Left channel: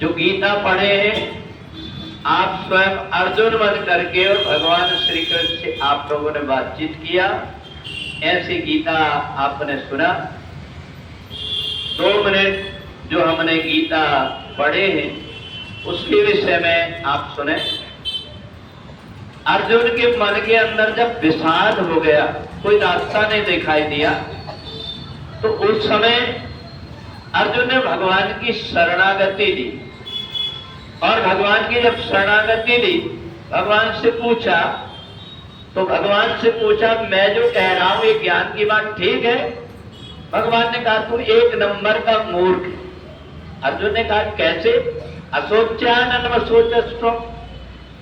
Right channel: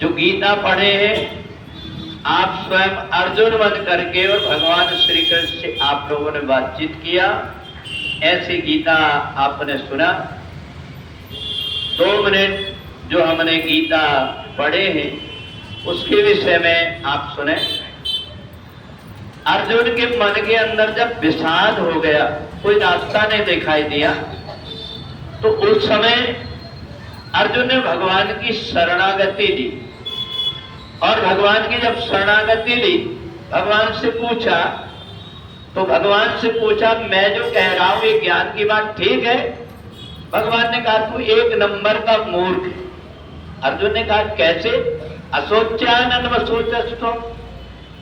जो गीता पढ़े हैं आप स्वयं अर्जुन बन करके और भगवान श्री कृष्ण से आप लोगों ने बातचीत किया, ऐसी गीता आपने सुना। 2 मिनट जो हमने गीता पढ़े हैं उसके विषय में आप सुने। अर्जुन के मन के अंदर जब विषाद हो गया, कोई रास्ता नहीं दिखाई दिया, तो उस समय अर्जुन ने भगवान की शरणागति ली। और भगवान की जब शरणागति ली, भगवान से पूछा, तो भगवान से पूछा मैं जो कह रहा हूं ये ज्ञान की बात ठीक है? भगवान ने कहा तू 1 नंबर का मूर्ख है। अर्जुन ने कहा कैसे? असोच्यानन्व सोचस्तु,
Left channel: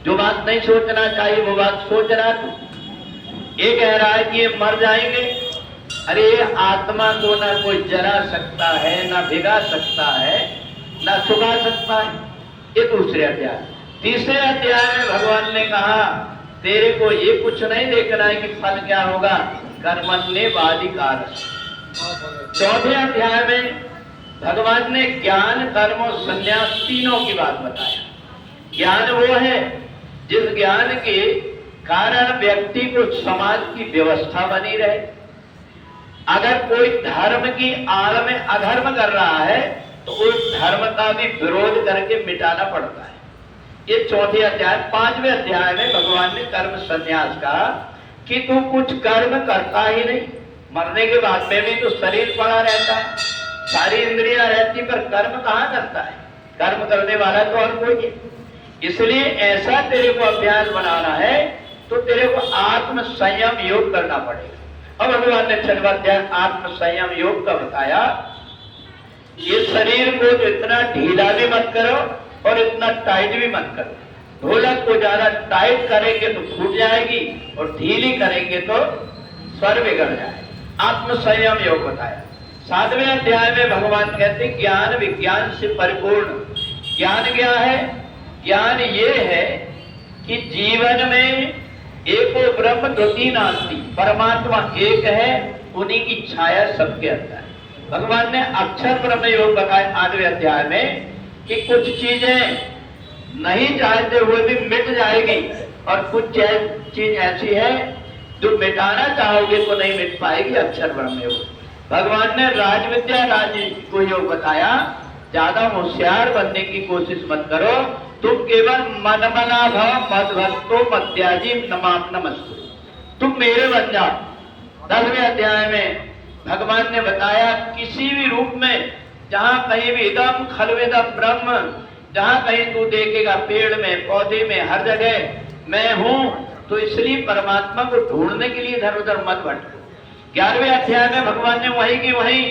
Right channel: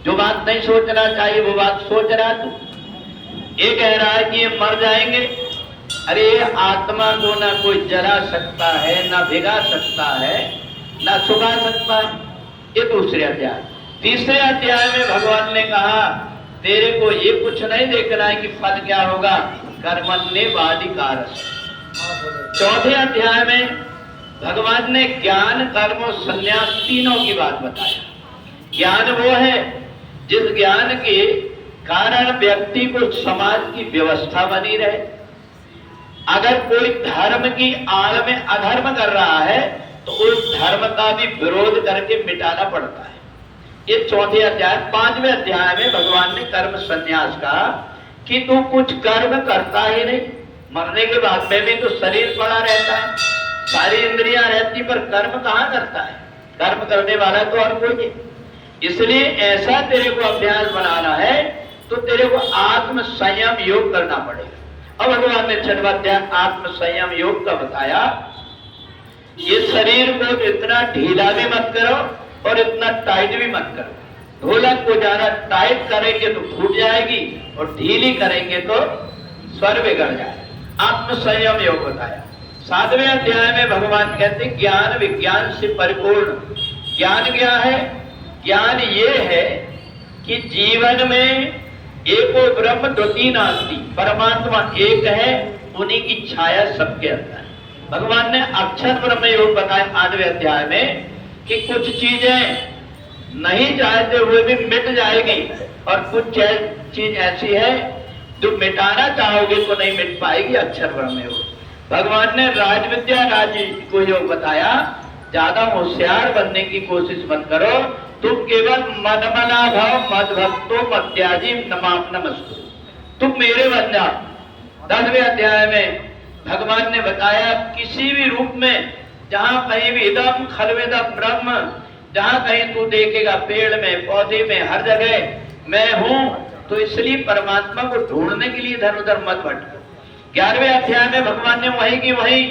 जो बात नहीं सोचना चाहिए वो बात सोच रहा तू। ये कह रहा है कि ये मर जाएंगे। अरे आत्मा को ना कोई जला सकता है, ना भिगा सकता है, ना सुखा सकता है। ये दूसरे अध्याय। तीसरे अध्याय में भगवान ने कहा तेरे को ये कुछ नहीं देखना है कि फल क्या होगा, कर्मण्येवाधिकार। चौथे अध्याय में भगवान ने ज्ञान, कर्म और संन्यास तीनों की बात बताया। ज्ञान वो है जिस ज्ञान के कारण व्यक्ति को समाज की व्यवस्था बनी रहे। अगर कोई धर्म की आड़ में अधर्म कर रहा है तो उस धर्म का भी विरोध करके मिटाना पड़ता है। ये चौथे अध्याय। 5वें अध्याय में भगवान ने कर्म संन्यास कहा कि तू कुछ कर्म करता ही नहीं, मरने के बाद में भी तो शरीर पड़ा रहता है, सारी इंद्रियां रहती, पर कर्म कहाँ करता है? कर्म करने वाला तो और कोई है। इसलिए ऐसा तेरे को अभ्यास बनाना है तो तेरे को आत्म संयम योग करना पड़ेगा। अब भगवान ने 6वां अध्याय आत्म संयम योग का बताया। ये शरीर को इतना ढीला भी मत करो और इतना टाइट भी मत करो। ढोलक को ज्यादा टाइट करेंगे तो फूट जाएगी और ढीली करेंगे तो स्वर बिगड़ जाएगा। आत्म संयम योग बताया। 7वें अध्याय में भगवान कहते ज्ञान विज्ञान से परिपूर्ण। ज्ञान क्या है? ज्ञान ये है कि जीवन में एको ब्रह्म द्वितीय नास्ति, परमात्मा एक है, उन्हीं की छाया सबके अंदर है। भगवान ने अक्षर ब्रह्म योग बताया 8वें अध्याय में कि कुछ चीजें नहीं चाहते हुए भी मिट जाएगी और कुछ चीज ऐसी है जो मिटाना चाहोगे तो नहीं मिट पाएगी। अक्षर ब्रह्म योग। भगवान ने राज विद्या राज को योग बताया। ज्यादा होशियार बनने की कोशिश मत करो, तुम केवल मनमना भव मद भक्तो मत्याजी नमाम नमस्तु, तुम मेरे बन जाओ। 10वें अध्याय में भगवान ने बताया किसी भी रूप में, जहां कहीं भी इदम खलवेदम ब्रह्म, जहां कहीं तू देखेगा पेड़ में, पौधे में, हर जगह मैं हूं, तो इसलिए परमात्मा को ढूंढने के लिए इधर उधर मत भटको। 11वें अध्याय में भगवान ने वही की वही,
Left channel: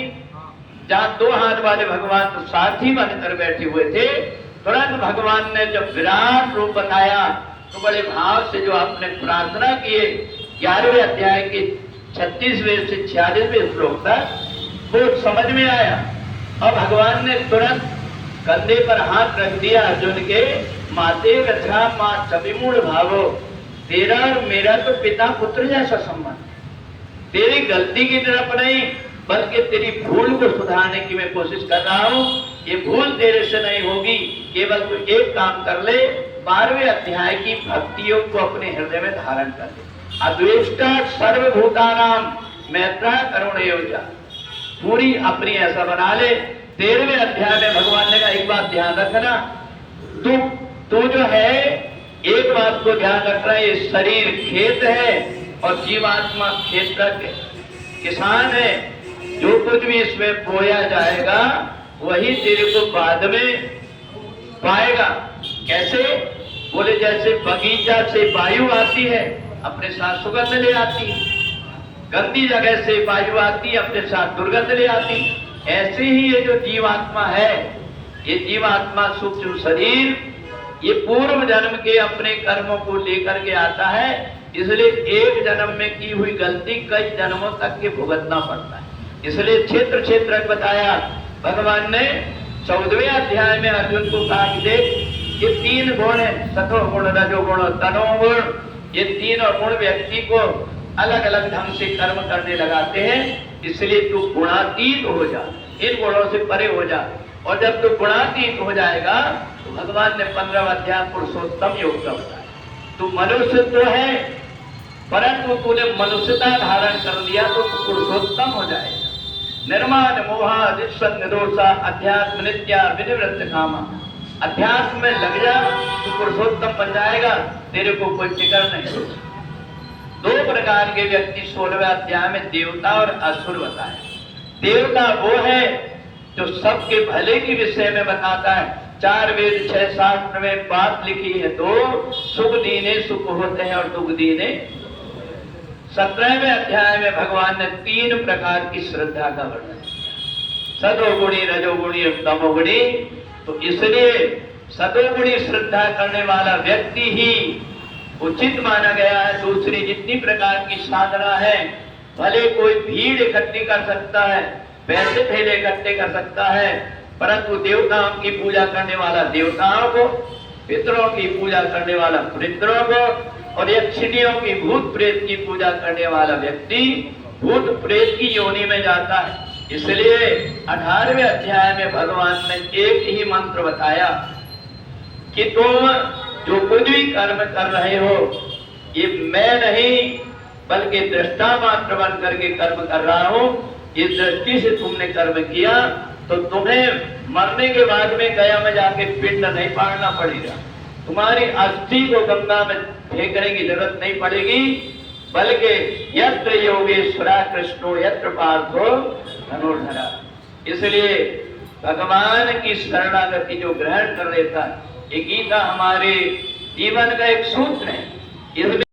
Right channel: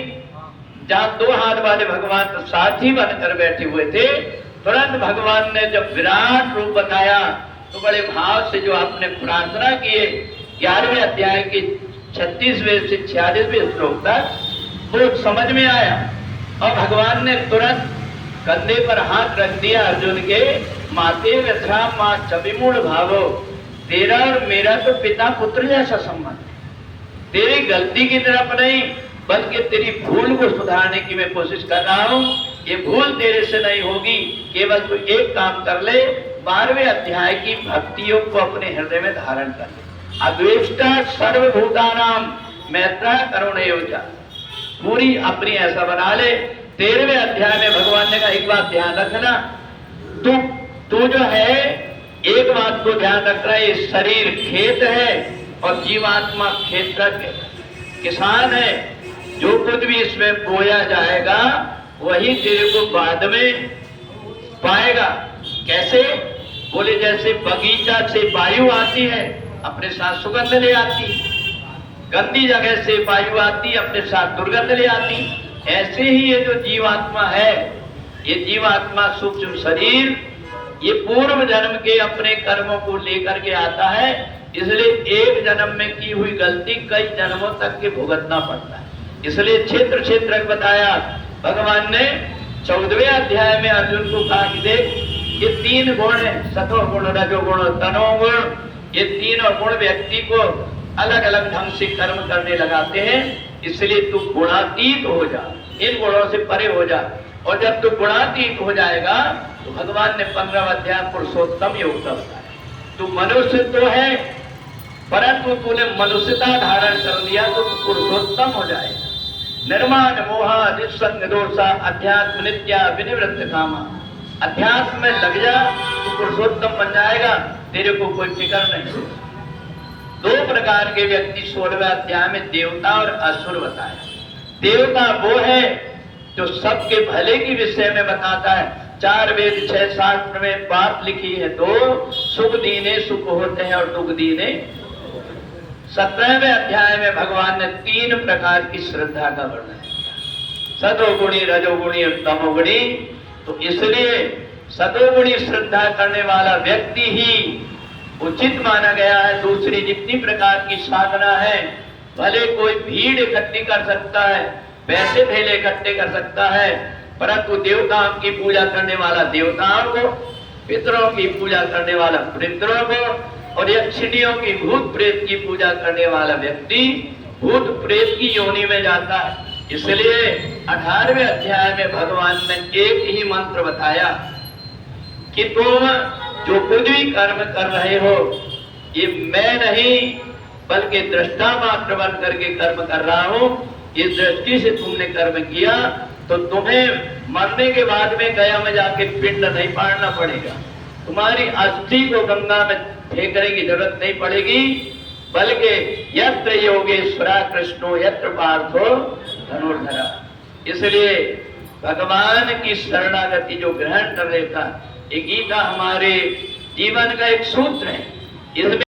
जहां 2 हाथ वाले भगवान तो साथी बनकर बैठे हुए थे, तुरंत भगवान ने जब विराट रूप बताया तो बड़े भाव से जो आपने प्रार्थना किए 11वें अध्याय के 36वें से 46वें श्लोक तक वो समझ में आया। और भगवान ने तुरंत कंधे पर हाथ रख दिया अर्जुन के, माते व्यथा मां चविमूढ़ भावो, तेरा और मेरा तो पिता पुत्र जैसा संबंध। तेरी गलती की तरफ नहीं बल्कि तेरी भूल को सुधारने की मैं कोशिश कर रहा हूं। ये भूल तेरे से नहीं होगी, केवल तू एक काम कर ले, 12वें अध्याय की भक्तियों को अपने हृदय में धारण कर ले। अद्वेष्टा सर्वभूतानाम मैत्रा करुणयोजा, पूरी अपनी ऐसा बना ले। 13वें अध्याय में भगवान ने कहा एक बात ध्यान रखना, तू जो है एक बात को ध्यान रखना, ये शरीर खेत है और जीवात्मा खेत का किसान है। जो कुछ भी इसमें बोया जाएगा वही तेरे को बाद में पाएगा। कैसे? बोले जैसे बगीचा से वायु आती है अपने साथ सुगंध ले आती, गंदी जगह से वायु आती अपने साथ दुर्गंध ले आती, ऐसे ही ये जो जीवात्मा है, ये जीवात्मा सूक्ष्म शरीर, ये पूर्व जन्म के अपने कर्मों को लेकर के आता है। इसलिए एक जन्म में की हुई गलती कई जन्मों तक के भुगतना पड़ता है। इसलिए क्षेत्र क्षेत्र बताया भगवान ने। 14वें अध्याय में अर्जुन को कहा कि देख ये 3 गुण है, सतो गुण, रजो गुण और तनो गुण। ये तीनों गुण व्यक्ति को अलग अलग ढंग से कर्म करने लगाते हैं। इसलिए तू गुणातीत हो जा, इन गुणों से परे हो जा। और जब तो गुणातीत हो जाएगा तो भगवान ने 15 अध्याय पुरुषोत्तम योग का बताया। तू मनुष्य तो है, परंतु तूने मनुष्यता धारण कर लिया तो पुरुषोत्तम हो जाएगा। निर्माण मोहा दिसंग दोषा अध्यात्म नित्या विनिवृत्त कामा। अध्यात्म में लग जा तो पुरुषोत्तम बन जाएगा, तेरे को कोई फिक्र नहीं। दो प्रकार के व्यक्ति 16वें अध्याय में देवता और असुर बताया। देवता वो है जो सबके भले के विषय में बताता है। 4 वेद 6 शास्त्र में बात लिखी है, तो सुख दीने सुख होते हैं और दुख दीने। 17वें अध्याय में भगवान ने 3 प्रकार की श्रद्धा का वर्णन किया, सतोगुणी रजोगुणी और तमोगुणी। तो इसलिए सतोगुणी श्रद्धा करने वाला व्यक्ति ही उचित माना गया है। दूसरी जितनी प्रकार की साधना है, भले कोई भीड़ इकट्ठी कर सकता है, पैसे थैले इकट्ठे कर सकता है, परंतु देवताओं की पूजा करने वाला देवताओं को, पितरों की पूजा करने वाला पितरों को, और यक्षिणियों की भूत प्रेत की पूजा करने वाला व्यक्ति भूत प्रेत की योनि में जाता है। इसलिए 18वें अध्याय में भगवान ने एक ही मंत्र बताया कि तुम जो कुछ भी कर्म कर रहे हो, ये मैं नहीं बल्कि दृष्टा मात्र बन करके कर्म कर रहा हूं। इस दृष्टि से तुमने कर्म किया तो तुम्हें मरने के बाद में गया में जाके पिंड नहीं पाड़ना पड़ेगा, तुम्हारी अस्थि को गंगा में फेंकने की जरूरत नहीं पड़ेगी, बल्कि यत्र योगेश्वरा कृष्णो यत्र पार्थो धनुर्धरा। इसलिए भगवान की शरणागति जो ग्रहण कर लेता, ये गीता हमारे जीवन का एक सूत्र है। इसमें